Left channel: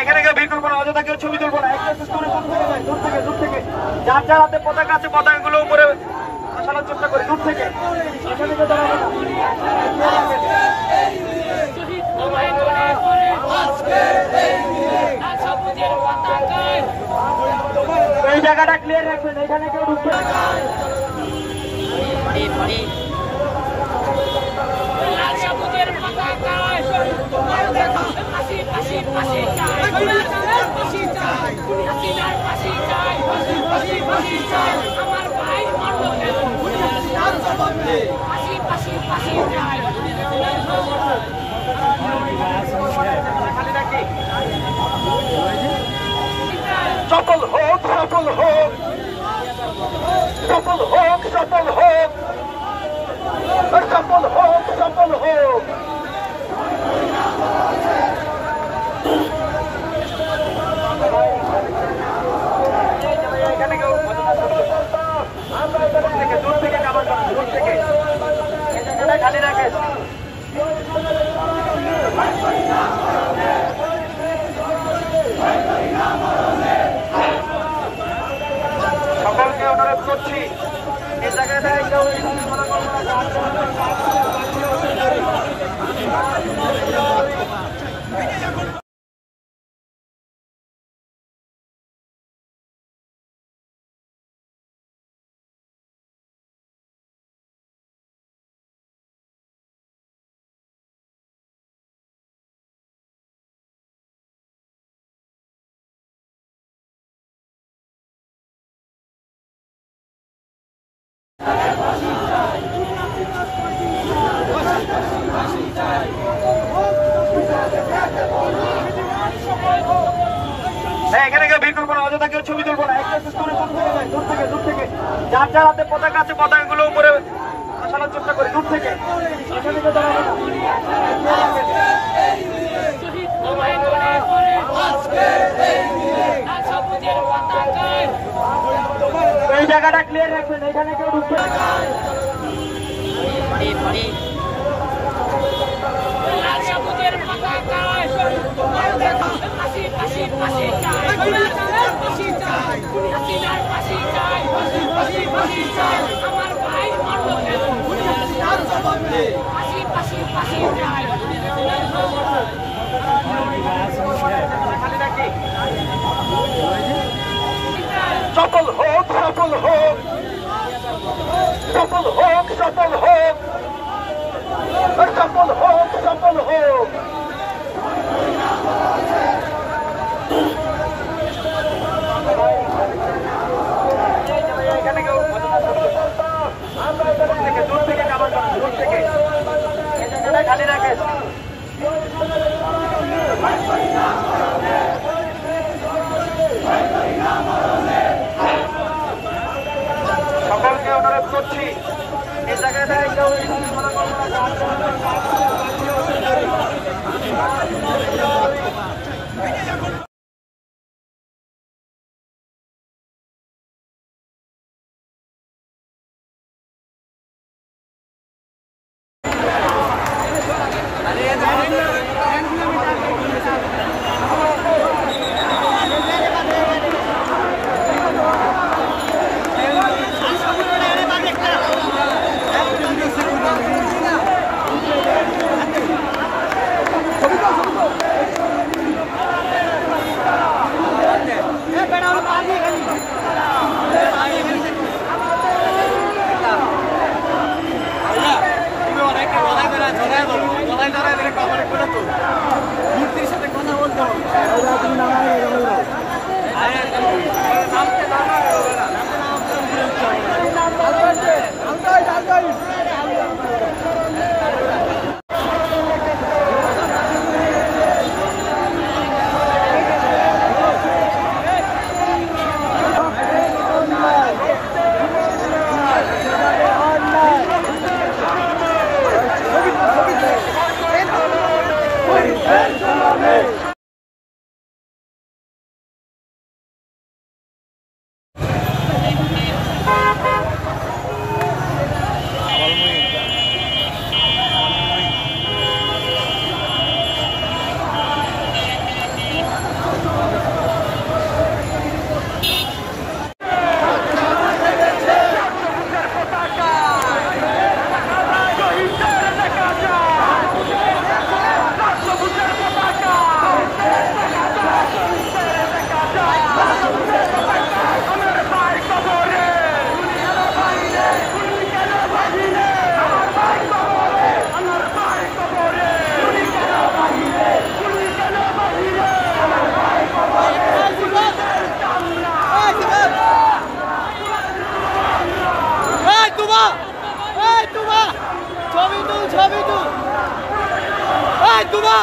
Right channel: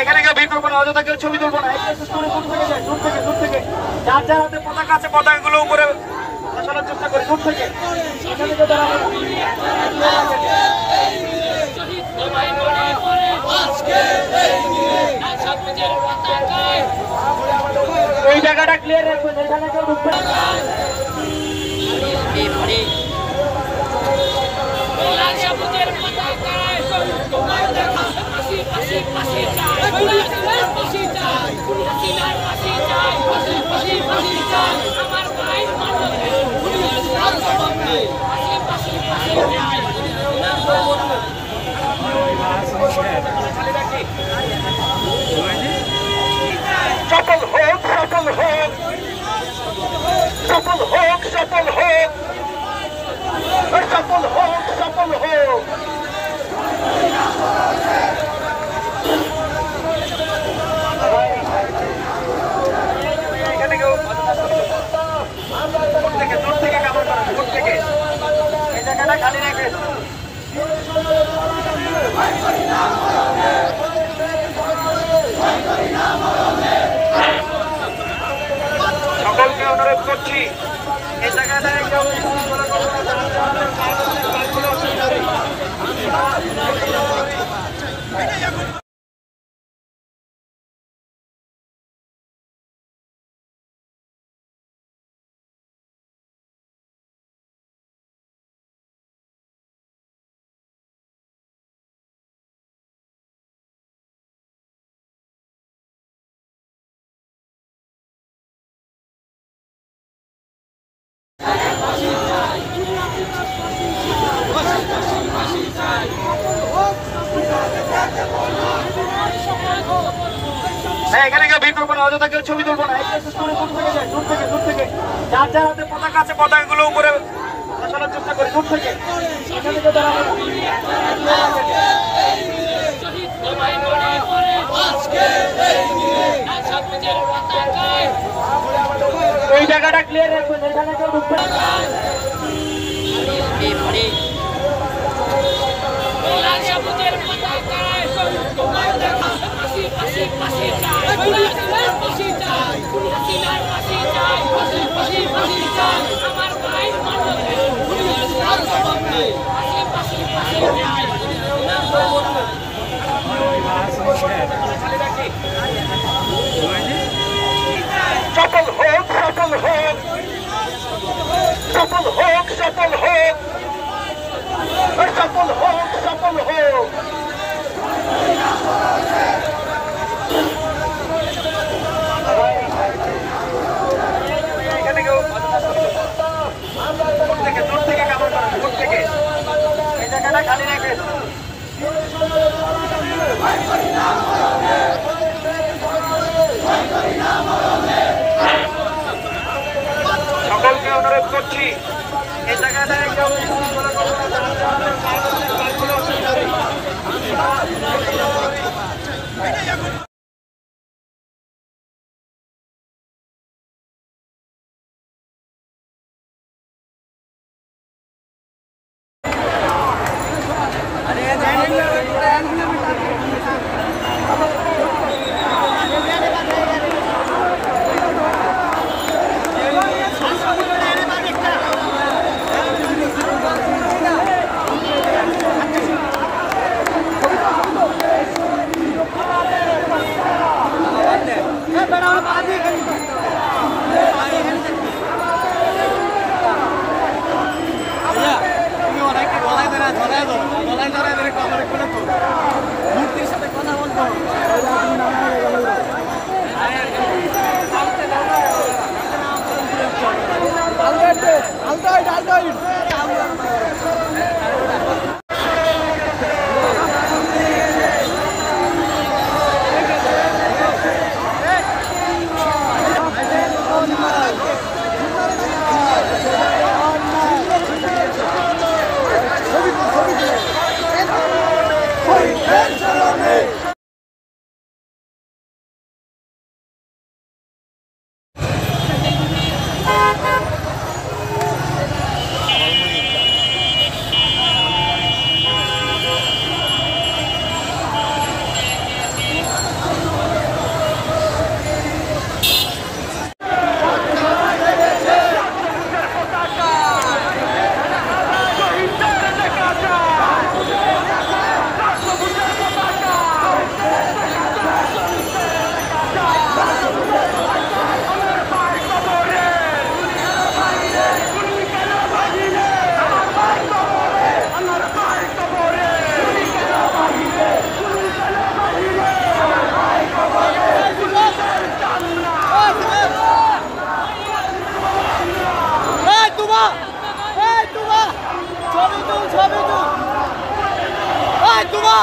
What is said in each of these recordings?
এখানে কেউ ভিড় করবো না, অযথা কেউ ছবি তুলবো না। দূর থেকে যার যার হাতে পতাকা আছে পতাকাগুলো উপরে বসানোর চেষ্টা করি দূর থেকে। এই জায়গাটা ক্লিয়ার রাখবেন, এখানে কেউ ঢুকবে না। সফল হোক, সফল হোক, সফল হোক, সফল হোক, সফল হোক, সফল হোক। দূর থেকে কাভার করেন, দূর থেকে এই জায়গাটা খালি রাখেন। সকলকে অনুরোধ করছি এই জায়গাটা এখানে কেউ ভিড় করবো না, অযথা কেউ ছবি তুলবো না। দূর থেকে যার যার হাতে পতাকা আছে পতাকাগুলো উপরে বসানোর চেষ্টা করি দূর থেকে। এই জায়গাটা ক্লিয়ার রাখবেন, এখানে কেউ ঢুকবে না। সফল হোক, সফল হোক, সফল হোক, সফল হোক, সফল হোক, সফল হোক। এখানে কেউ দূর থেকে কাভার করেন, দূর থেকে এই জায়গাটা খালি রাখেন। সকলকে অনুরোধ করছি এই জায়গাটা তুমা এই তুমা ছবি তুল এই তুমা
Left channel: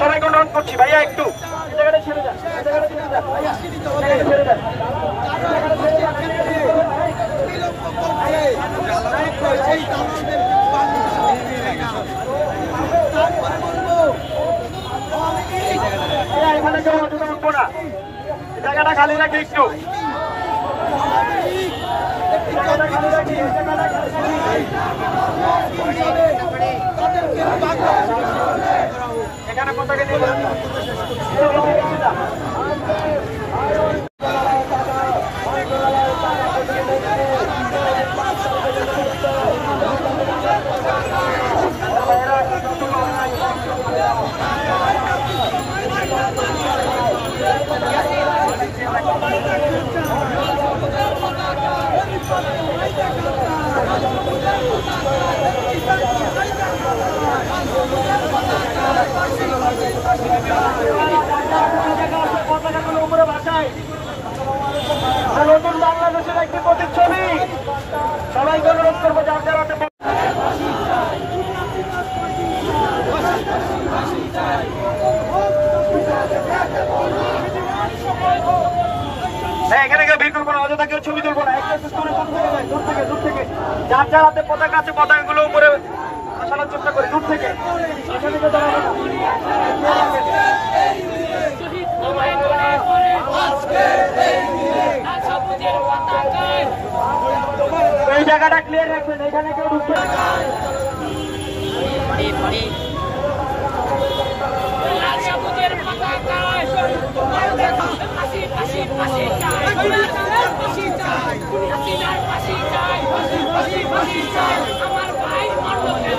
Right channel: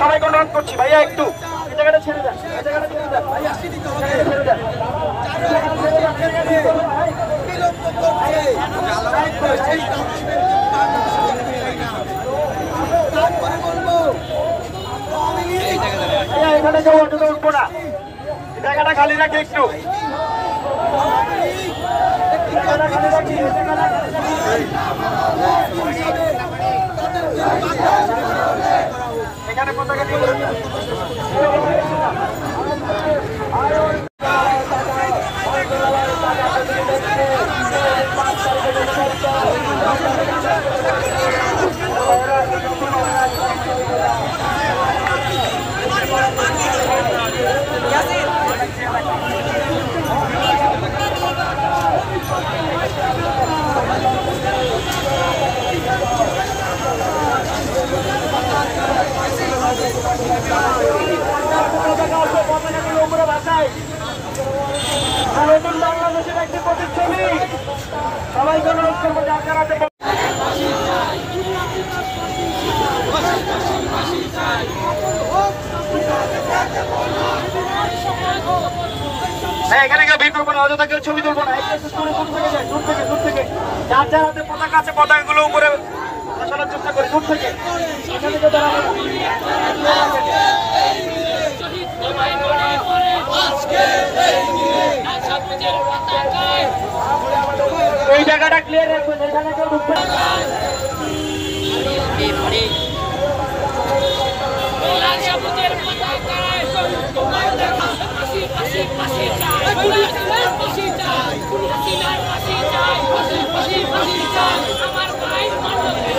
সবাইকে অনুরোধ করছি ভাইয়া একটু এই জায়গাটা ছেড়ে দেন, এই জায়গাটা ছেড়ে দেন ভাইয়া, ছেড়ে দেন। এখানে কেউ উঠবো না, জায়গাটা খালি রাখি একটু, জায়গাটা খালি রাখি, জায়গাটা খালি রাখি। এখানে পতাকা দিয়ে নতুন বাংলাদেশের একটি প্রতিচ্ছবি। সবাইকে অনুরোধ করবো যার যারা হাতে হ্যাঁ, এখানে কেউ ভিড় করবো না, অযথা কেউ ছবি তুলবো না। একটু দূর থেকে যাই, দূর থেকে, দূর থেকে। যার যার হাতে পতাকা আছে পতাকাগুলো উপরে আসানোর চেষ্টা করি, দূর থেকে। এখানে কেউ দাঁড়াবে না। শহীদ তোমায় মনে করে আজকে লাল সবুজের পতাকায় এই জায়গাটা ক্লিয়ার রাখবেন, এখানে কেউ ঢুকবে না। লাল সবুজের পতাকায় তোমায় দেখা পাশি পাশি পাশি চাই পাশি চাই হাসিনার পাশি চাই পাশি পাশি পাশি চাই আমার ভাই মরবে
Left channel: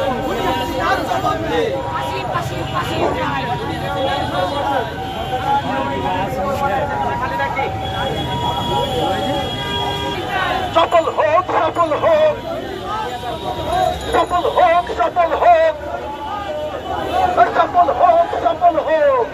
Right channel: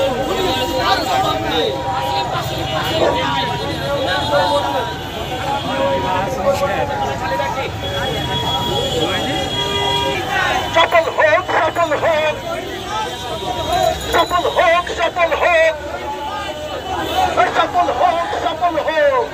পাশি পাশি পাশি চাই সফল হোক, সফল হোক, সফল হোক, সফল হোক, সফল হোক, সফল হোক।